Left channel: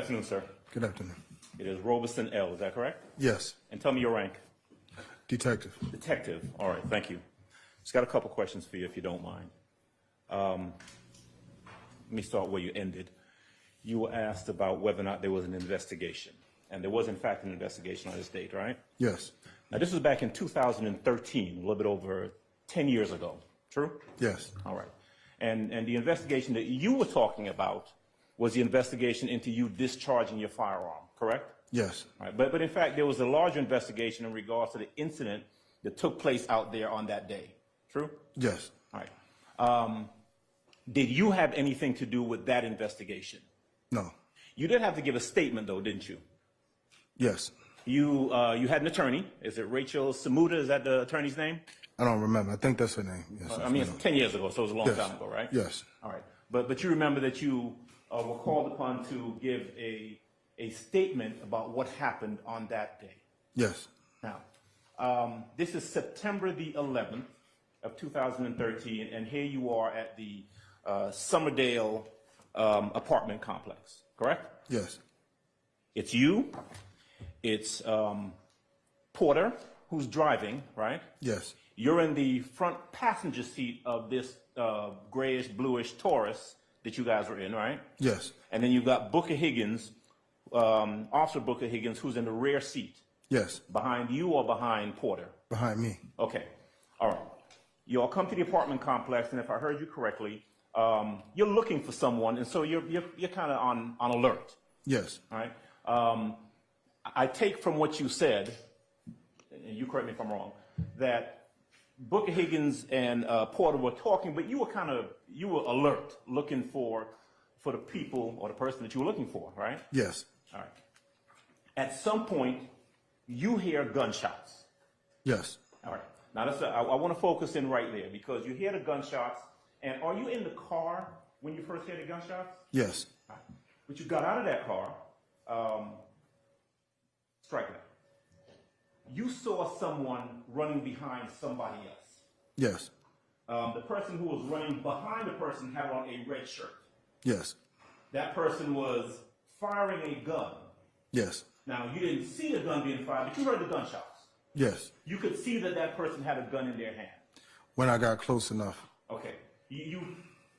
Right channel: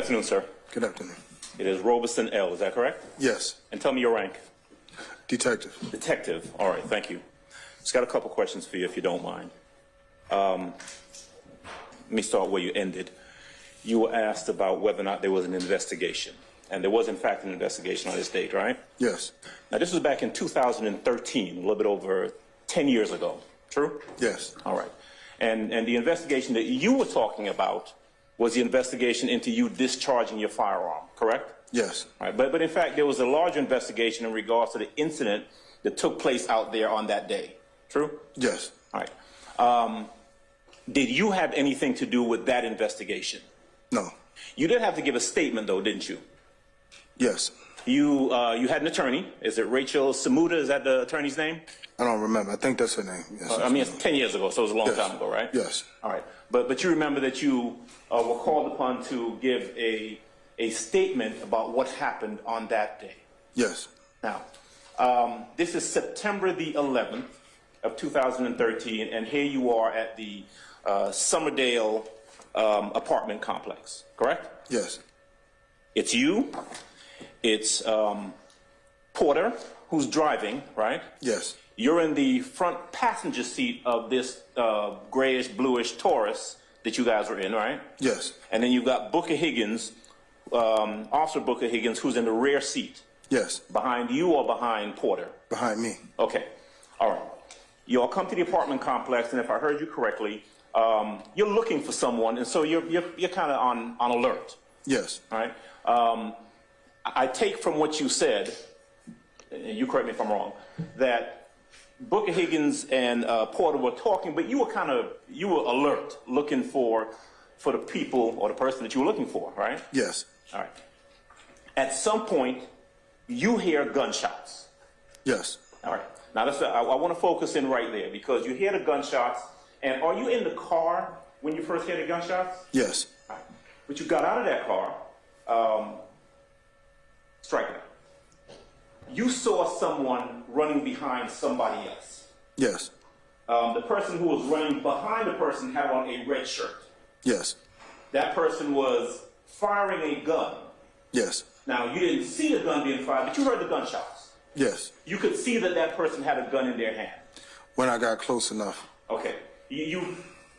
afternoon, sir. Good afternoon. It is Roberson-El, is that correct? Yes. And tell me your rank. Detective. Detective. All right, thank you. Just got a couple questions for you, if you don't mind. Let me start where you ended. You were asked about whether or not there was an investigation. And there was, in fact, an investigation on this date, right? Yes. Now, this was back in 2013, a little bit over 10 years ago. True? Yes. All right. And the investigation that you were talking about was the investigation into you discharging your firearm, correct? Yes. All right. But in fact, there was a larger investigation in regards to the incident that took place out there on that day. True? Yes. All right. Did you have anything to do with that investigation? No. You did have to give a statement, though, didn't you? Yes. You had an attorney. Is it Rachel Samuda? Is that the attorney's name? I don't remember. I think that's her name. Yes, I mean, it's 10 years ago, so it was a long time ago, right? Yes. All right. But you remember that you were called upon to give a statement about what happened on that day. Yes. Now, this is September the 11th of 2013, and here you are at the Summerdale apartment complex, correct? Yes. It's you, it's Porter, who's driving, right? Yes. You're in the front passenger seat of this grayish, bluish Taurus that you guys were in, right? Yes. And then you've got Booker Higgins, Officer Booker Higgins, who's in the rear seat. Yes. Behind you or behind Porter? Behind me. Okay. All right. You all come to the apartment complex, and if I heard you correctly, you're looking for someone, and so you're kind of on alert. Yes. All right. I take from what you said, and you correct me if I'm wrong, that Booker Higgins and Porter were talking, but you were alert, looking for the people or the person that you were looking for, right? Yes. All right. At some point, you hear gunshots. Yes. All right. Now, I want to focus in right there because you hear the gunshots, and are you in the car when you first hear the gunshots? Yes. All right. But you got out of that car, striking it. You saw someone running behind somebody else. Yes. The person who was running behind the person had on a red shirt. Yes. That person was firing a gun. Yes. Now, you didn't see the gun being fired, but you heard the gunshots. Yes. You could see that person had a gun in their hand. When I got close enough. Okay.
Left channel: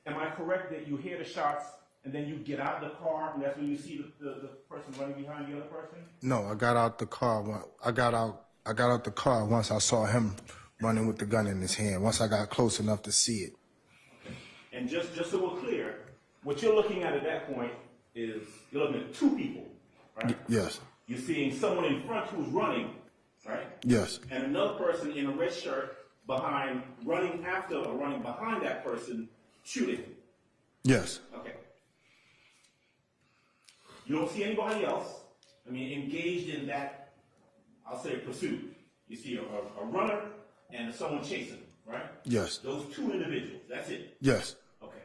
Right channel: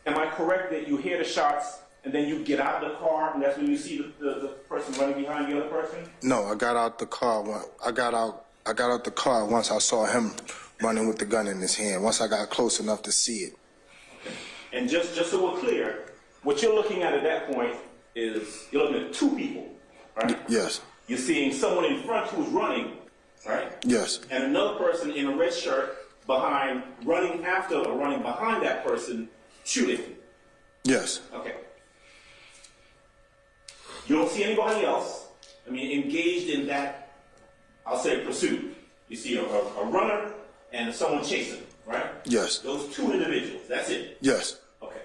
Am I correct that you hear the shots and then you get out of the car and that's when you see the person running behind the other person? No, I got out the car. I got out the car once I saw him running with the gun in his hand. Once I got close enough to see it. Okay. And just so we're clear, what you're looking at that point is you're looking at two people, right? Yes. You're seeing someone in front who's running, right? Yes. And another person in a red shirt running after or running behind that person shooting. Yes. Okay. You don't see anybody else, engaged in that, I'll say, pursuit. You see a runner and someone chasing, right? Yes. Those two individuals, that's it? Yes. Okay.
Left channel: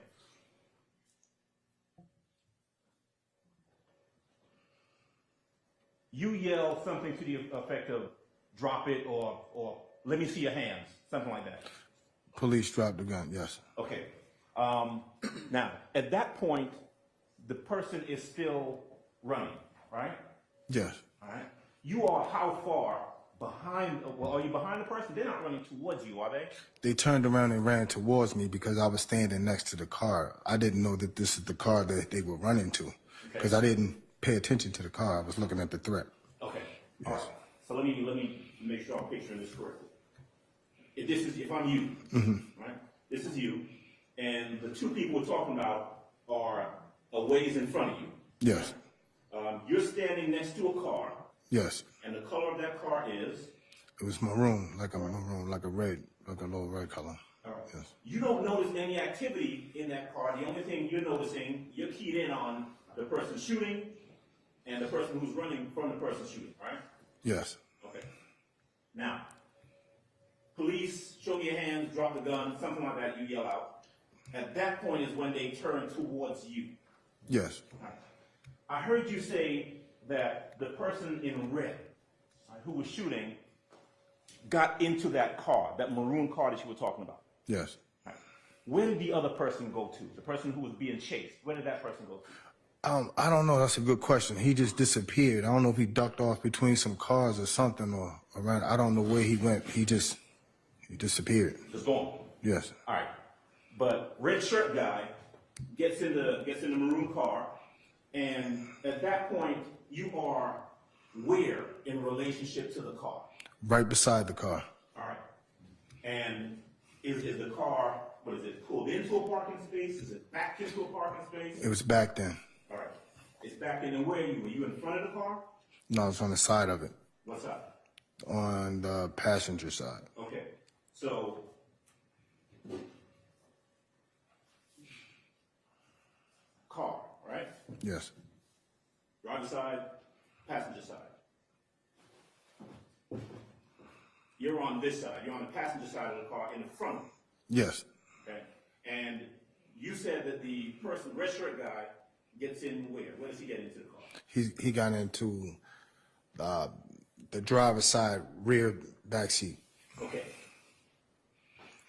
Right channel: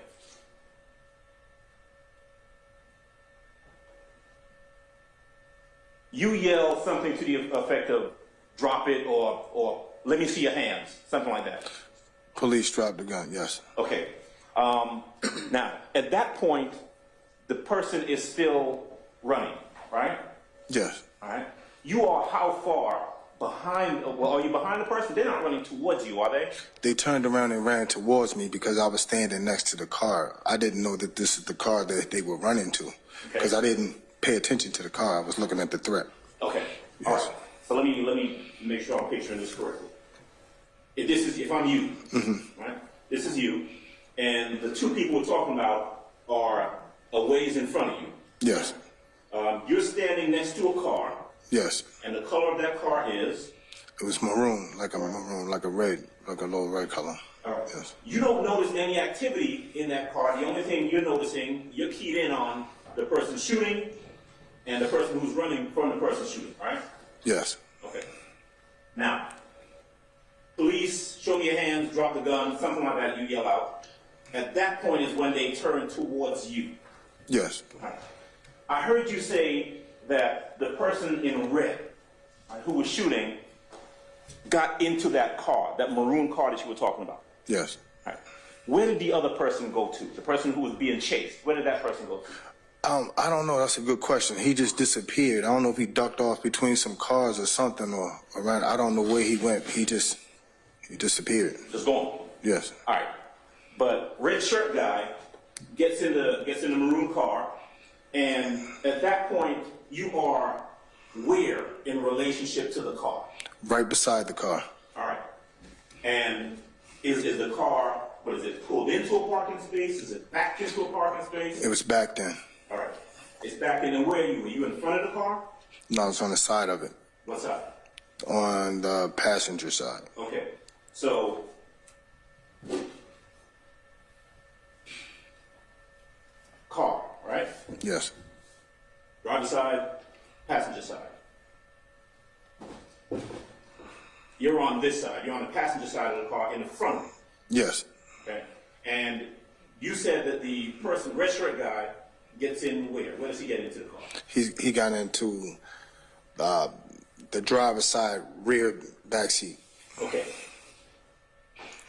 You yell something to the effect of, drop it or let me see your hands, something like that. Police dropped the gun, yes. Okay. Now, at that point, the person is still running, right? Yes. All right. You are how far behind? Well, are you behind the person? They're not running towards you, are they? They turned around and ran towards me because I was standing next to the car. I didn't know that this is the car that they were running to because I didn't pay attention to the car. I was looking at the threat. Okay. Yes. All right. So let me make sure I'm picturing this correctly. If I'm you, right? This is you, and the two people we're talking about are a ways in front of you. Yes. You're standing next to a car. Yes. And the color of that car is? It was maroon, like a red, like a little red color. All right. Yes. You don't notice any activity in that car. The only thing you're noticing, you're keyed in on the person shooting and the person who's running from the person shooting, right? Yes. Okay. Now, police, show me your hands, drop the gun, something like that, you yell out. At that point is when they turn towards you. Yes. Right. I heard you say that the person in red, who was shooting, got into that car, that maroon car that you were talking about. Yes. Right. Where did the other person go to? The person who was being chased, where did that person go to? I don't know. That's a good question. He just disappeared. I don't know if he ducked off between some cars or something, or around. I don't know where he went. He disappeared. Just gone. Yes. All right. But red shirt guy gets in the maroon car, and at that point you are where in relationship to the car? Right beside the car. All right. And is the car, what is it, pulled into a parking space? Is it backed into a parking space? It was back then. All right. It's backed in, and where are you? Were you in front of the car? No, I was on the side of it. What side? On the passenger side. Okay. So car, right? Yes. Driver side, passenger side. You're on this side. You're on the passenger side of the car in the front. Yes. Okay. And you said that the person, red shirt guy, gets in where? Where does he get into the car? He got into the driver's side rear back seat. Okay.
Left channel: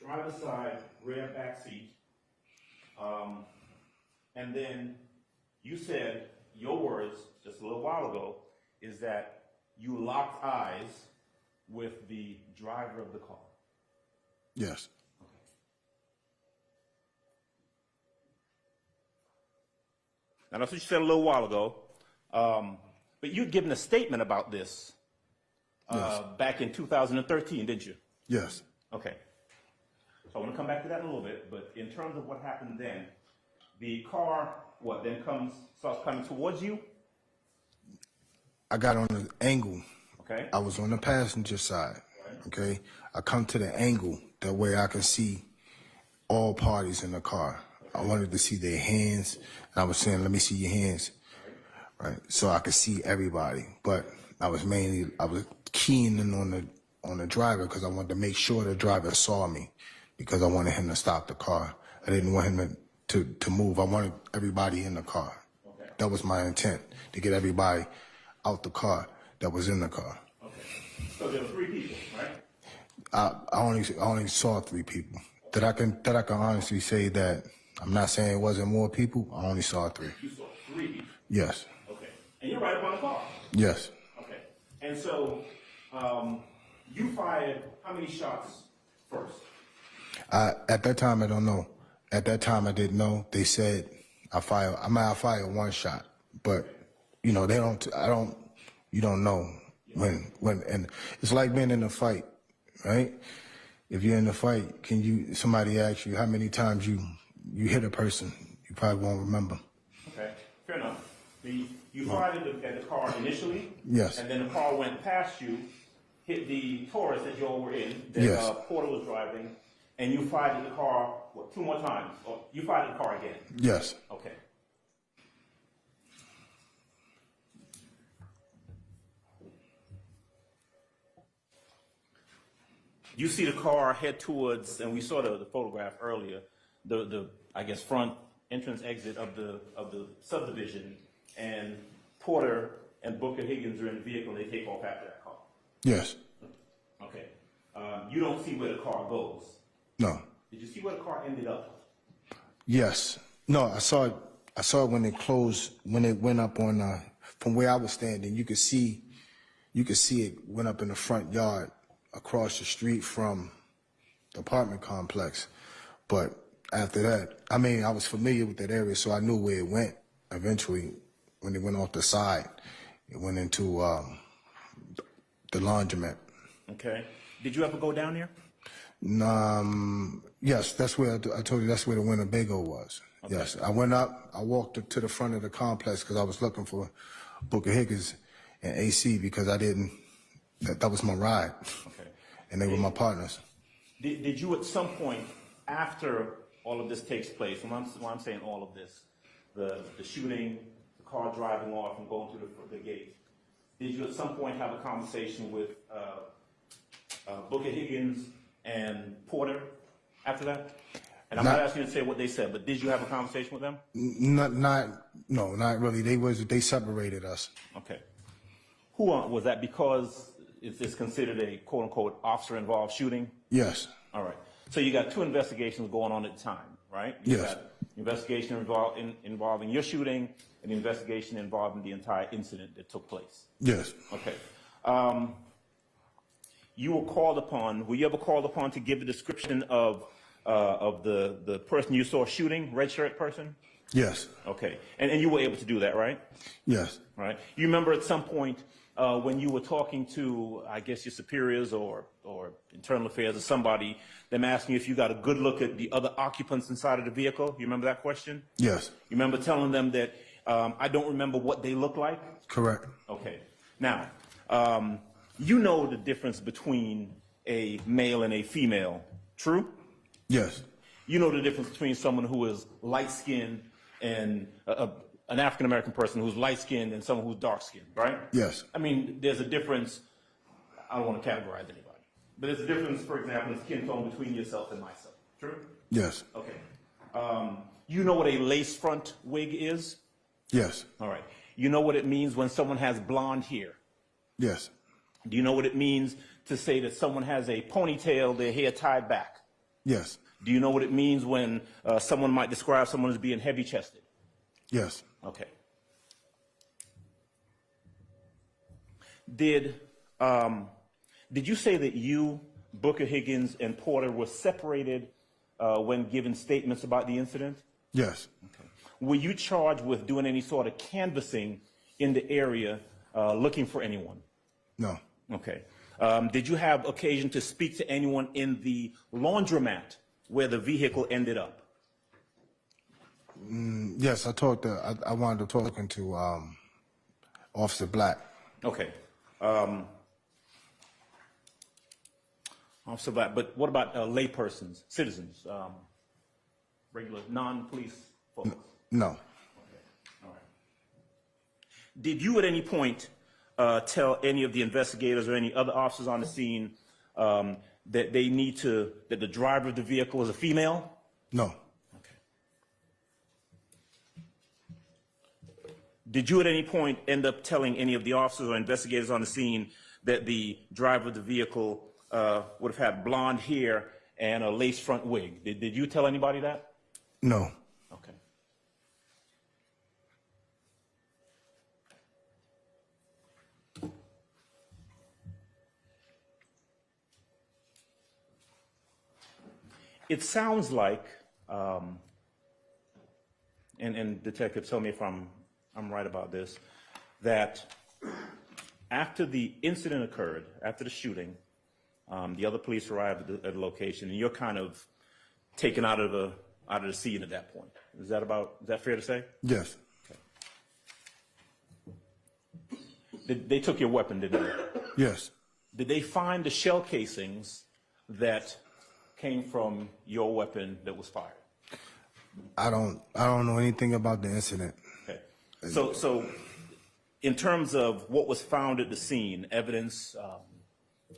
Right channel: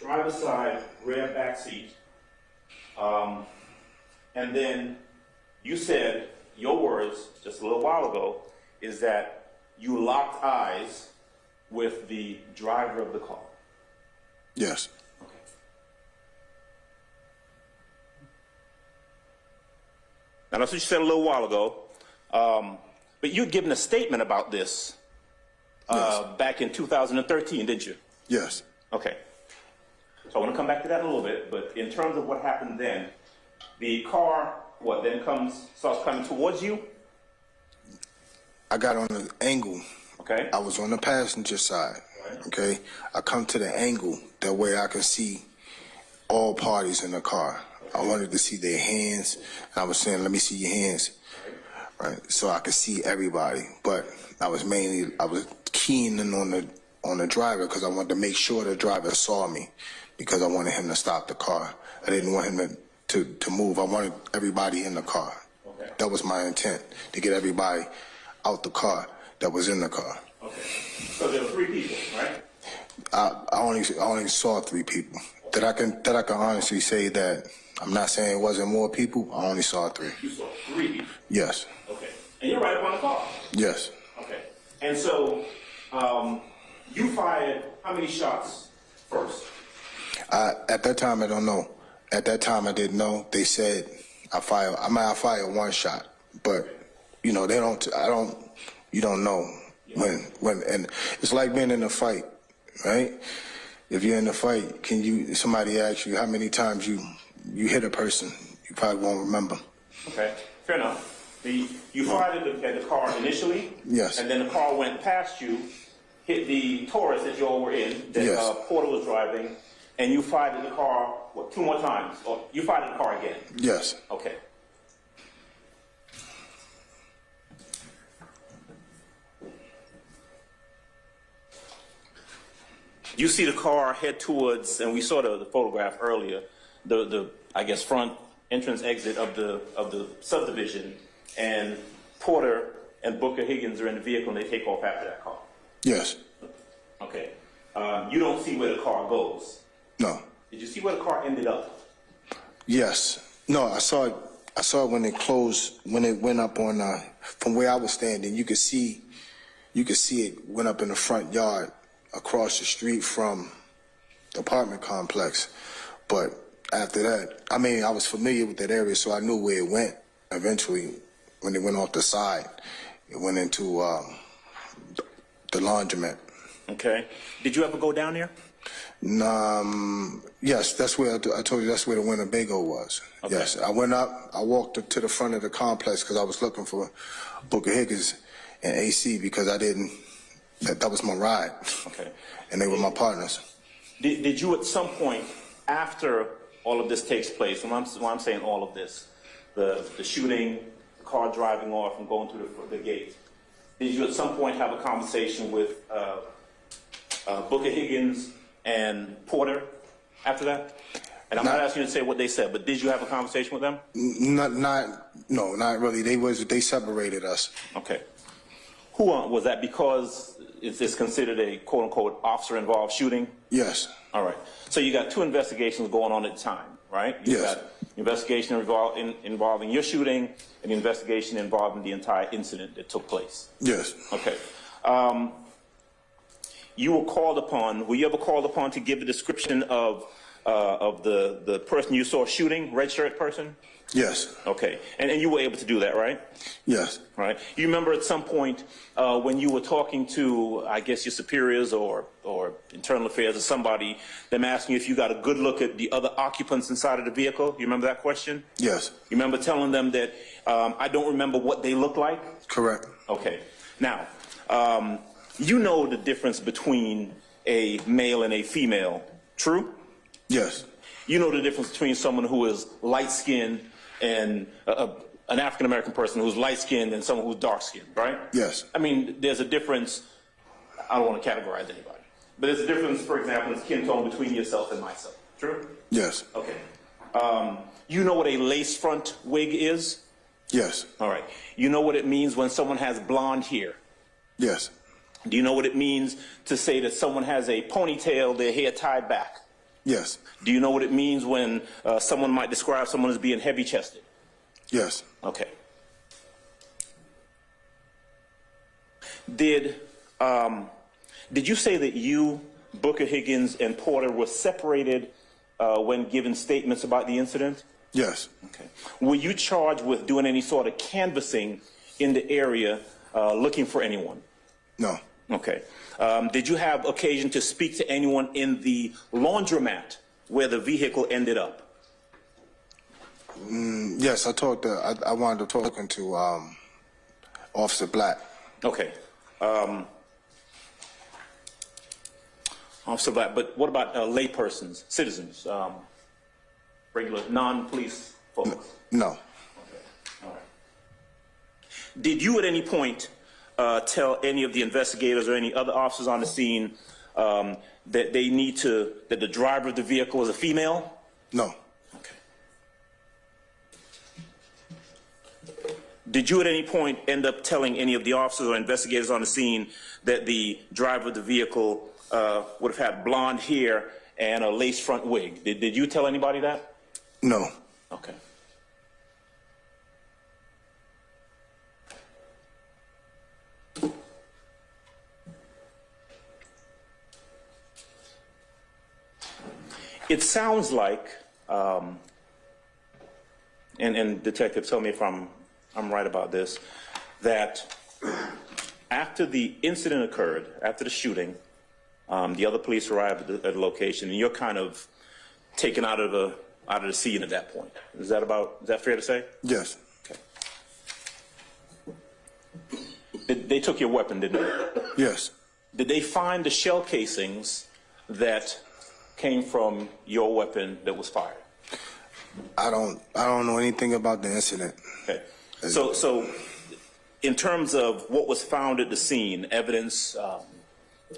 Driver's side, rear back seat. And then you said, your words just a little while ago, is that you locked eyes with the driver of the car. Yes. Okay. Now that's what you said a little while ago, but you'd given a statement about this Yes. back in 2013, didn't you? Yes. Okay. So I want to come back to that in a little bit, but in terms of what happened then, the car, then starts coming towards you? I got on an angle. Okay. I was on the passenger side. Right. Okay. I come to the angle that way I can see all parties in the car. I wanted to see their hands, and I was saying, "Let me see your hands," right? So I could see everybody. But I was keying in on the driver because I wanted to make sure the driver saw me, because I wanted him to stop the car. I didn't want him to move. I wanted everybody in the car. Okay. That was my intent, to get everybody out the car that was in the car. Okay. So there were 3 people, right? I only saw 3 people. That I can honestly say that. I'm not saying it wasn't more people. I only saw 3. You saw 3 people. Yes. Okay. And you're right up on the car. Yes. Okay. And so you fired how many shots first? At that time, I don't know. At that time, I didn't know. They said I fired 1 shot, but you know, you don't know when, and it's like being in a fight, right? If you're in a fight, somebody asks you how many times you hit a person, you probably won't remember. Okay, fair enough. You fired at the car initially? Yes. And then the car went past you, hit the Taurus that you all were in, that Yes. Porter was driving, and you fired at the car, 2 more times? Or you fired at the car again? Yes. Okay. You see the car head towards, and we saw the photograph earlier, the I guess front entrance exit of the subdivision, and Porter and Booker Higgins are in the vehicle and they take off after that car. Yes. Okay. You don't see where the car goes. No. Did you see where the car ended up? Yes. No, I saw it when it closed, when it went up on from where I was standing. You could see it went up in the front yard across the street from the apartment complex. But after that, I mean, I was familiar with that area, so I knew where it went. Eventually, when it went off the side, it went into the laundromat. Okay. Did you ever go down there? Yes, that's where I told you that's where the Winnebago was. Okay. Yes, I went up. I walked up to the front of the complex because I was looking for Booker Higgins and AC because I didn't. That was my ride. Okay. And they were my partners. Did you at some point after all of this takes place, when I'm saying all of this, the shooting, the car driving off and going through the gate, did you at some point have a conversation with Booker Higgins and Porter after that? And I'm not asking you to say what they said, but did you have a conversation with them? Not really. They separated us. Okay. Who was that? Because it's considered a quote unquote officer involved shooting? Yes. All right. So you got 2 investigations going on at the time, right? You Yes. got investigation involving your shooting, and the investigation involving the entire incident that took place. Yes. Okay. You were called upon. Were you ever called upon to give a description of the person you saw shooting, red shirt person? Yes. Okay. And you were able to do that, right? Yes. Right. You remember at some point when you were talking to, I guess, your superiors or internal affairs or somebody, them asking you if you got a good look at the other occupants inside of the vehicle? You remember that question? Yes. You remember telling them that I don't remember what they look like? Correct. Okay. Now, you know the difference between a male and a female, true? Yes. You know the difference between someone who is light-skinned and an African-American person who's light-skinned and someone who's dark-skinned, right? Yes. I mean, there's a difference. I don't want to categorize anybody. But there's a difference, for example, in skin tone between yourself and myself, true? Yes. Okay. You know what a lace front wig is? Yes. All right. You know what it means when someone has blonde hair? Yes. Do you know what it means to say that someone has a ponytail, their hair tied back? Yes. Do you know what it means when someone might describe someone as being heavy-chested? Yes. Okay. Did you say that you, Booker, Higgins, and Porter were separated when given statements about the incident? Yes. Okay. Were you charged with doing any sort of canvassing in the area looking for anyone? No. Okay. Did you have occasion to speak to anyone in the laundromat where the vehicle ended up? Yes, I wound up talking to Officer Black. Okay. Officer Black, but what about laypersons, citizens, regular non-police folks? No. Okay. All right. Did you at any point tell any of the investigators or any other officers on the scene that that the driver of the vehicle was a female? No. Okay. Did you at any point end up telling any of the officers or investigators on the scene that the driver of the vehicle would have had blonde hair and a lace front wig? Did you tell anybody that? No. Okay. It sounds like, and detective, tell me if I'm right about this, that after the incident occurred, after the shooting, the other police arrived at the location, and you're kind of taken out of the scene at that point. Is that fair to say? Yes. Okay. They took your weapon, didn't they? Yes. Did they find the shell casings that came from your weapon that was fired? I don't know anything about the incident. Okay. So in terms of what was found at the scene, evidence,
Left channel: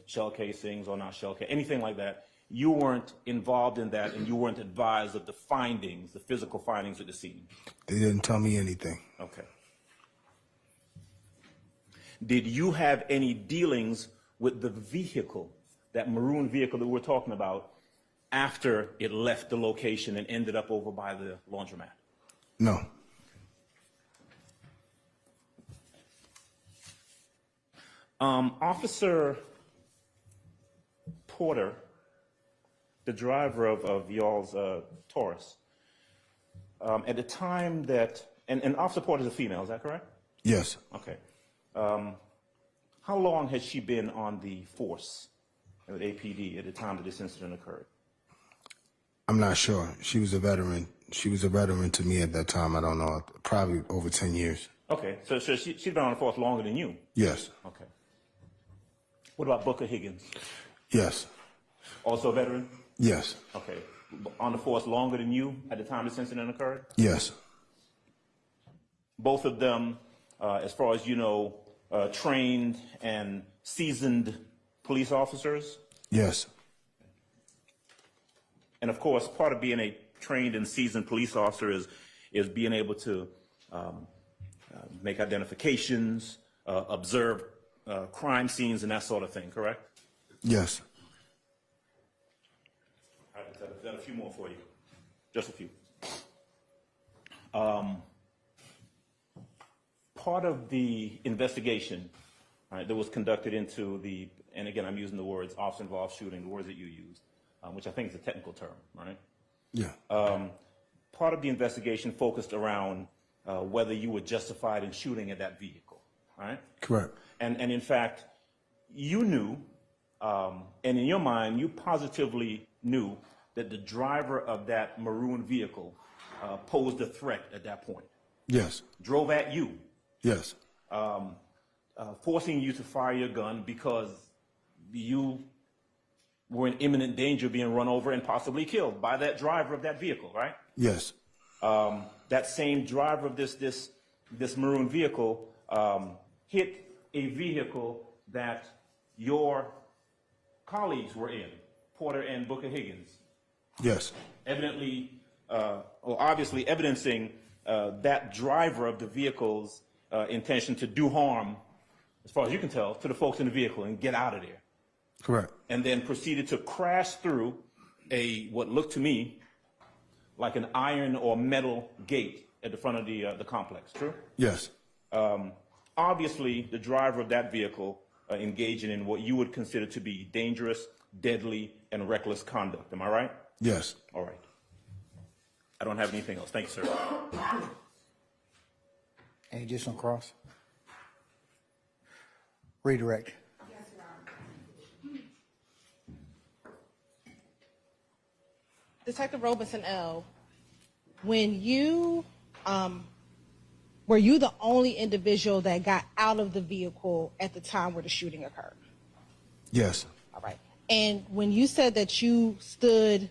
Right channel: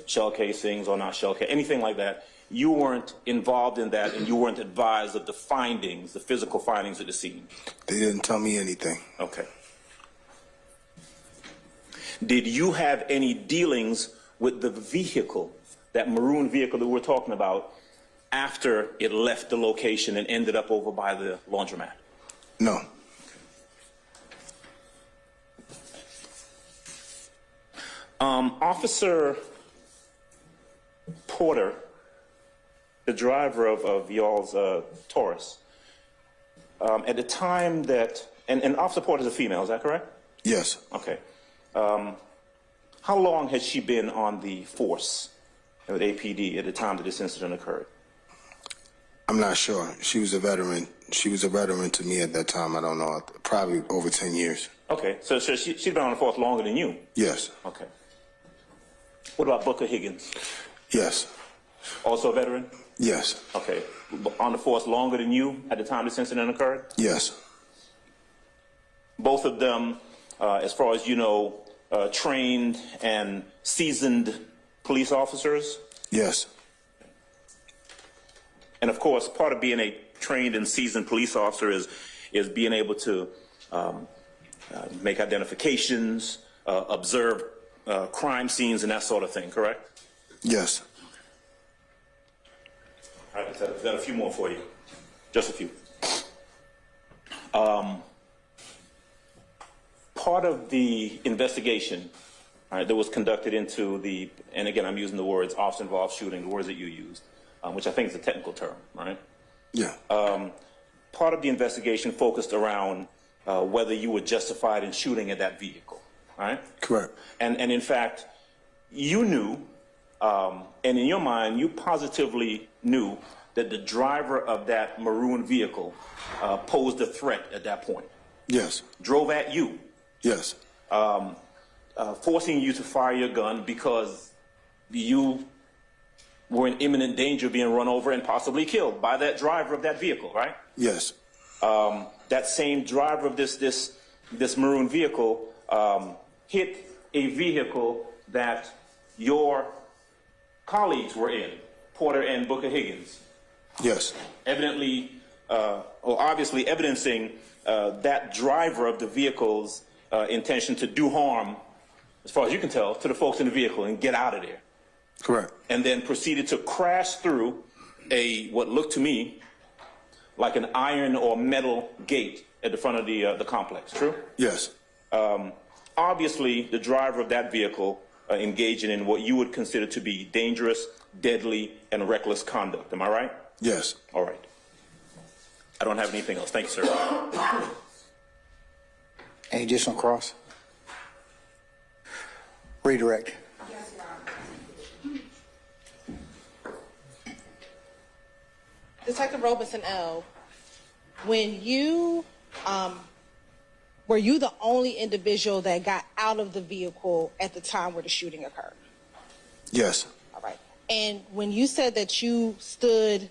shell casings or not shell casings, anything like that, you weren't involved in that and you weren't advised of the findings, the physical findings at the scene? They didn't tell me anything. Okay. Did you have any dealings with the vehicle, that maroon vehicle that we're talking about, after it left the location and ended up over by the laundromat? No. Officer Porter, the driver of y'all's Taurus, at the time that, and Officer Porter is a female, is that correct? Yes. Okay. How long had she been on the force with APD at the time that this incident occurred? I'm not sure. She was a veteran. She was a veteran to me at that time. I don't know. Probably over 10 years. Okay. So she's been on the force longer than you? Yes. Okay. What about Booker Higgins? Yes. Also a veteran? Yes. Okay. On the force longer than you at the time this incident occurred? Yes. Both of them, as far as you know, trained and seasoned police officers? Yes. And of course, part of being a trained and seasoned police officer is being able to make identifications, observe crime scenes and that sort of thing, correct? Yes. All right, I've got a few more for you. Just a few. Part of the investigation, all right, that was conducted into the, and again, I'm using the words officer-involved shooting, the words that you used, which I think is a technical term, right? Yeah. Part of the investigation focused around whether you were justified in shooting at that vehicle, right? Correct. And in fact, you knew, and in your mind, you positively knew that the driver of that maroon vehicle posed a threat at that point. Yes. Drove at you. Yes. Forcing you to fire your gun because you were in imminent danger of being run over and possibly killed by that driver of that vehicle, right? Yes. That same driver of this maroon vehicle hit a vehicle that your colleagues were in, Porter and Booker Higgins. Yes. Evidently, or obviously evidencing that driver of the vehicle's intention to do harm, as far as you can tell, to the folks in the vehicle and get out of there. Correct. And then proceeded to crash through what looked to me like an iron or metal gate at the front of the complex. True? Yes. Obviously, the driver of that vehicle engaging in what you would consider to be dangerous, deadly, and reckless conduct. Am I right? Yes. All right. I don't have anything else. Thank you, sir. Any additional cross? Redirect. Detective Roberson-El, when you, were you the only individual that got out of the vehicle at the time where the shooting occurred? Yes. All right. And when you said that you stood,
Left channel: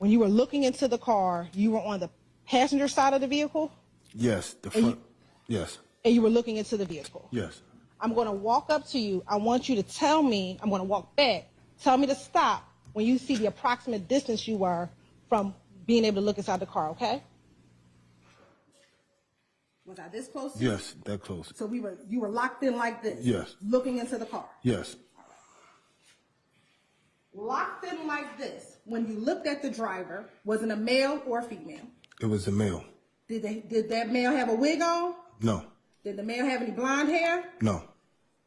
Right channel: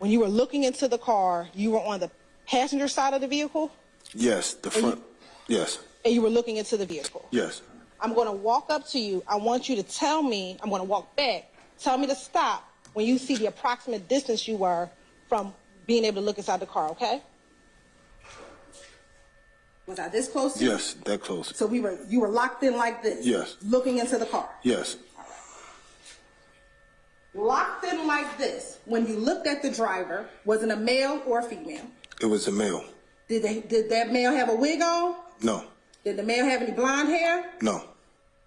when you were looking into the car, you were on the passenger side of the vehiel? Yes. The front. Yes. And you were looking into the vehicle? Yes. I'm going to walk up to you. I want you to tell me, I'm going to walk back. Tell me to stop when you see the approximate distance you were from being able to look inside the car, okay? Was I this close to you? Yes. That close. So you were locked in like this? Yes. Looking into the that Yes. Locked in like this, when you looked at the driver, was it a male or a female? It was a male. Did that male have a wig on? No. Did the male have any blonde hair? No.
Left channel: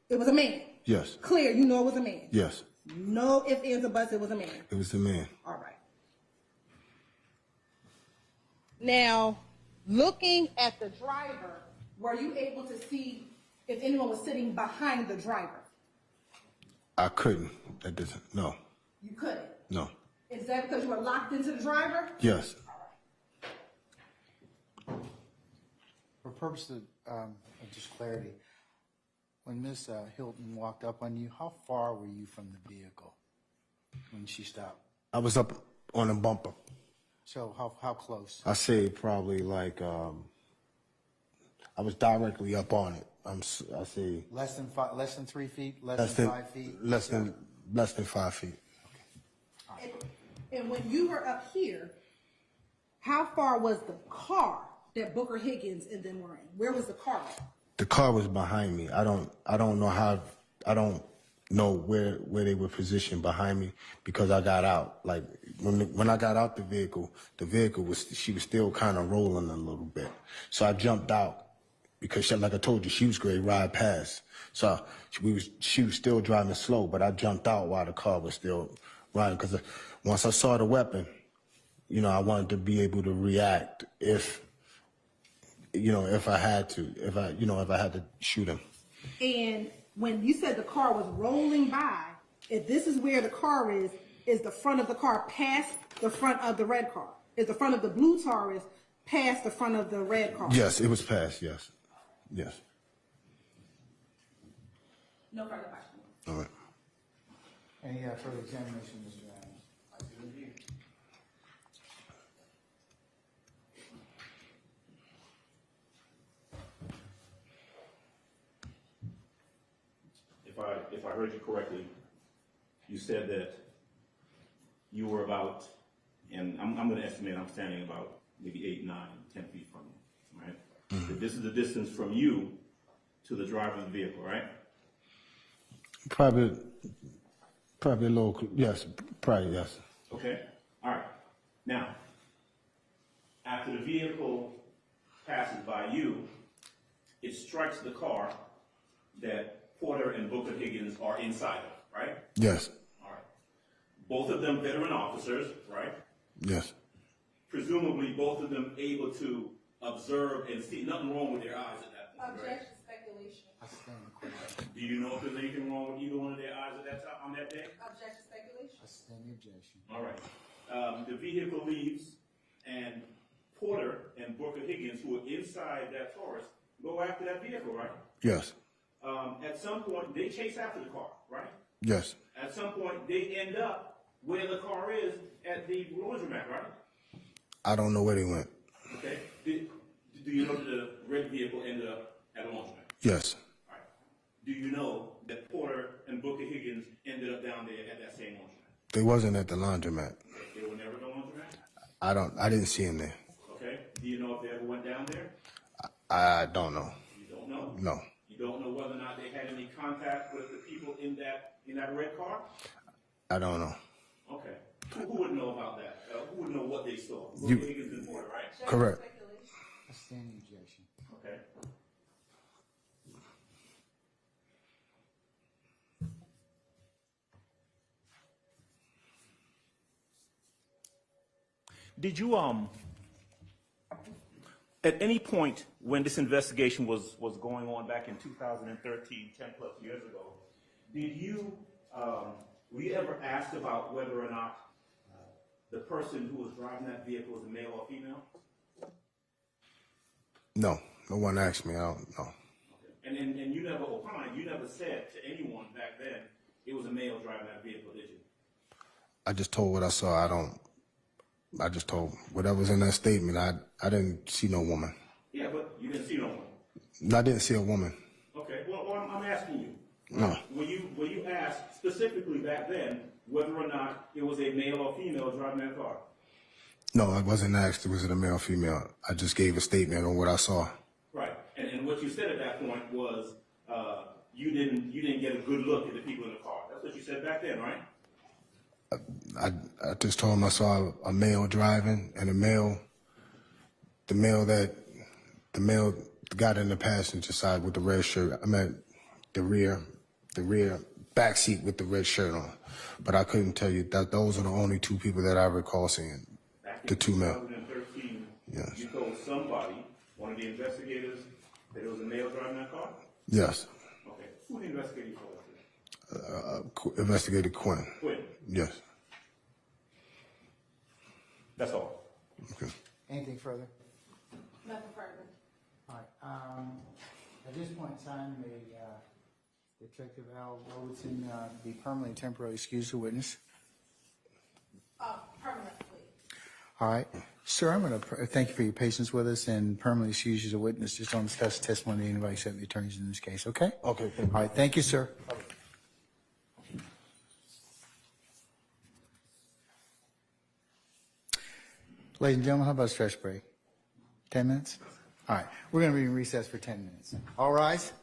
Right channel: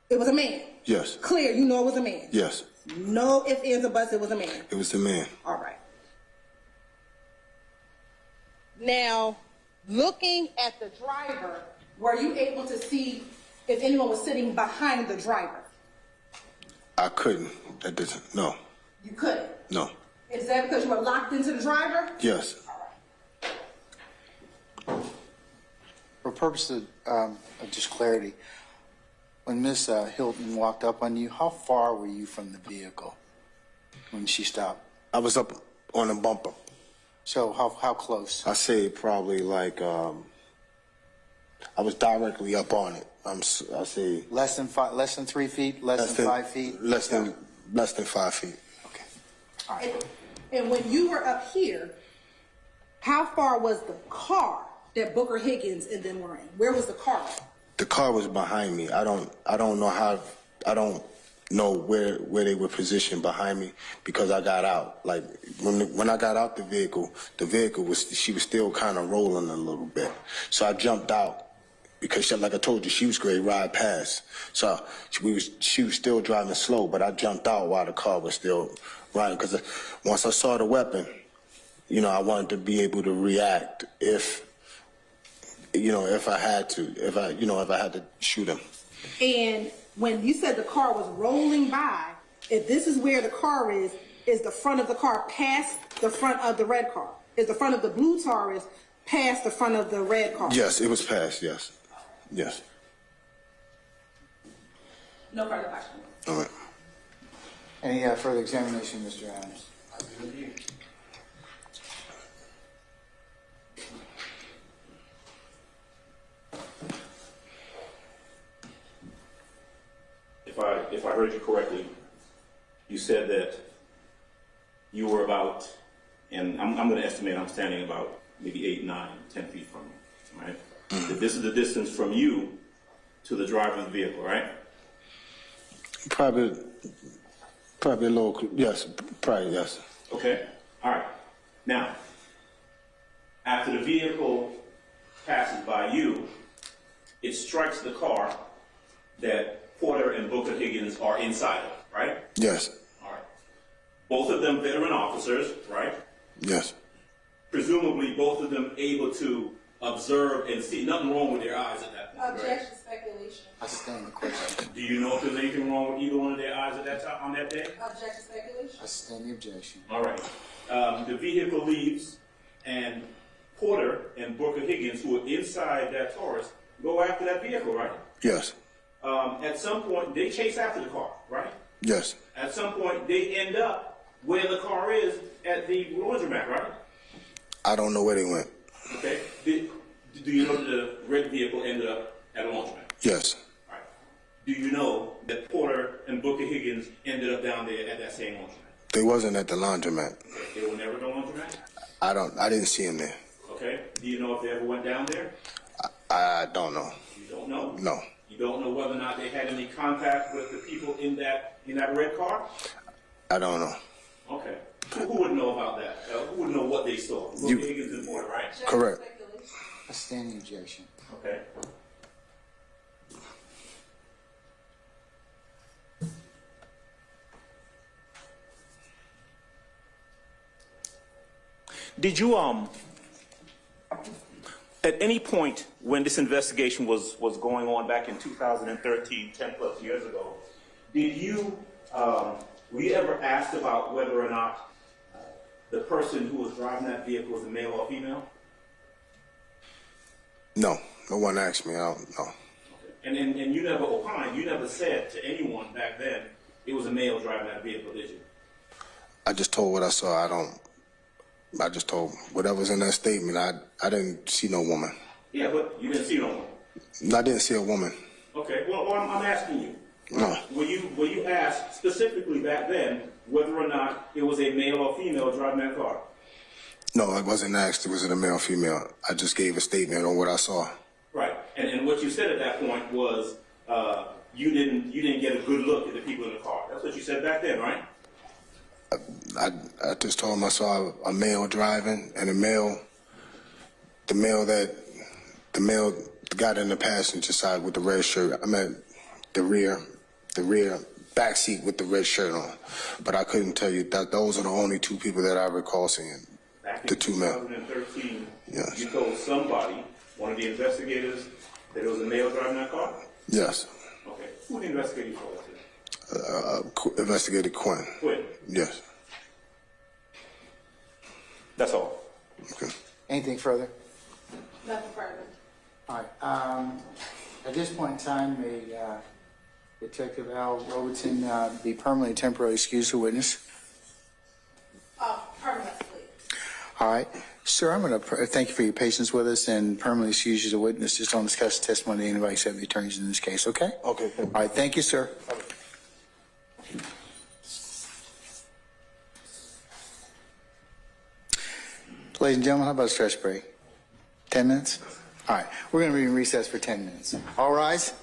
It was a man? Yes. Clear, you know it was a man? Yes. No ifs, ands, or buts, it was a man? It was the man. All right. Now, looking at the driver, were you able to see if anyone was sitting behind the driver? I couldn't. That doesn't. No. You couldn't? No. Is that because you were locked into the driver? Yes. For purposes of just clarity, when Miss Hylton walked up on you, how far were you from the vehicle when she stopped? I was up on a bumper. So how close? I say probably like I was directly up on it. I say Less than 3 feet, less than 5 feet? Less than 5 feet. Okay. All right. And when you were up here, how far was the car that Booker Higgins and them were in? Where was the car? The car was behind me. I don't know where they were positioned behind me because I got out. Like when I got out the vehicle she was still kind of rolling a little bit. So I jumped out because she, like I told you, she was going to ride past. So she was still driving slow, but I jumped out while the car was still riding because once I saw the weapon, I wanted to be able to react if I had to shoot him. And when you said the car was rolling by, if this is where the car is the front of the car past the front of the red car? Is the front of the blue Taurus past the front of the red car? Yes, it was past, yes. Yes. No further questions. All right. Any further examination, Mr. Adams? If I heard you correctly, you said that you were about, and I'm going to estimate I'm standing about maybe 8, 9, 10 feet from you, right? Mm-hmm. That this is the distance from you to the driver of the vehicle, right? Probably a little, yes, probably, yes. Okay, all right. Now, after the vehicle passes by you, it strikes the car that Porter and Booker Higgins are inside of, right? Yes. All right. Both of them veteran officers, right? Yes. Presumably both of them able to observe and see nothing wrong with their eyes at that point, right? Objection, speculation. I stand the question. Do you know if there's anything wrong with either one of their eyes at that time, on that day? Objection, speculation. I stand the objection. All right. The vehicle leaves, and Porter and Booker Higgins, who are inside that Taurus, go after that vehicle, right? Yes. At some point, they chase after the car, right? Yes. At some point, they end up where the car is at the laundromat, right? I don't know where they went. Okay. Do you know that the red vehicle ended up at a laundromat? Yes. All right. Do you know that Porter and Booker Higgins ended up down there at that same laundromat? They wasn't at the laundromat. They were never at the laundromat? I didn't see them there. Okay. Do you know if they ever went down there? I don't know. You don't know? No. You don't know whether or not they had any contact with the people in that red car? I don't know. Okay. Who would know about that? Who would know what they saw? Booker Higgins and Porter, right? Objection, Correct. speculation. I stand the objection. Okay. Did you at any point when this investigation was going on back in 2013, 10 plus years ago, did you were you ever asked about whether or not the person who was driving that vehicle was a male or female? No. No one asked me. I don't know. Okay. And you never opined, you never said to anyone back then it was a male driving that vehicle, did you? I just told what I saw. I just told whatever's in that statement. I didn't see no woman. Yeah, but you didn't see no one. I didn't see a woman. Okay, well, I'm asking you. No. Were you asked specifically back then whether or not it was a male or female driving that car? No, I wasn't asked was it a male or female. I just gave a statement on what I saw. Right, and what you said at that point was you didn't get a good look at the people in the car. That's what you said back then, right? I just told him I saw a male driving and the male got in the passenger side with the red shirt. I meant the rear back seat with the red shirt on. But I couldn't tell you that those are the only two people that I recall seeing. Back The in two men. 2013, Yes. you told somebody, one of the investigators, that it was a male driving that car? Yes. Okay, who the investigator for that? Investigator Quinn. Quinn. Yes. That's all. Okay. Anything further? Nothing further. All right. At this point in time, may Detective Al Robertson be permanently temporarily excused as a witness? Permanently. All right. Sir, I'm going to thank you for your patience with us and permanently excuse you as a witness. Just don't discuss the testimony of anybody except the attorneys in this case, okay? Okay, thank you. All right. Thank you, sir. Ladies and gentlemen, how about a stretch break? 10 minutes? All right. We're going to be in recess for 10 minutes. All rise.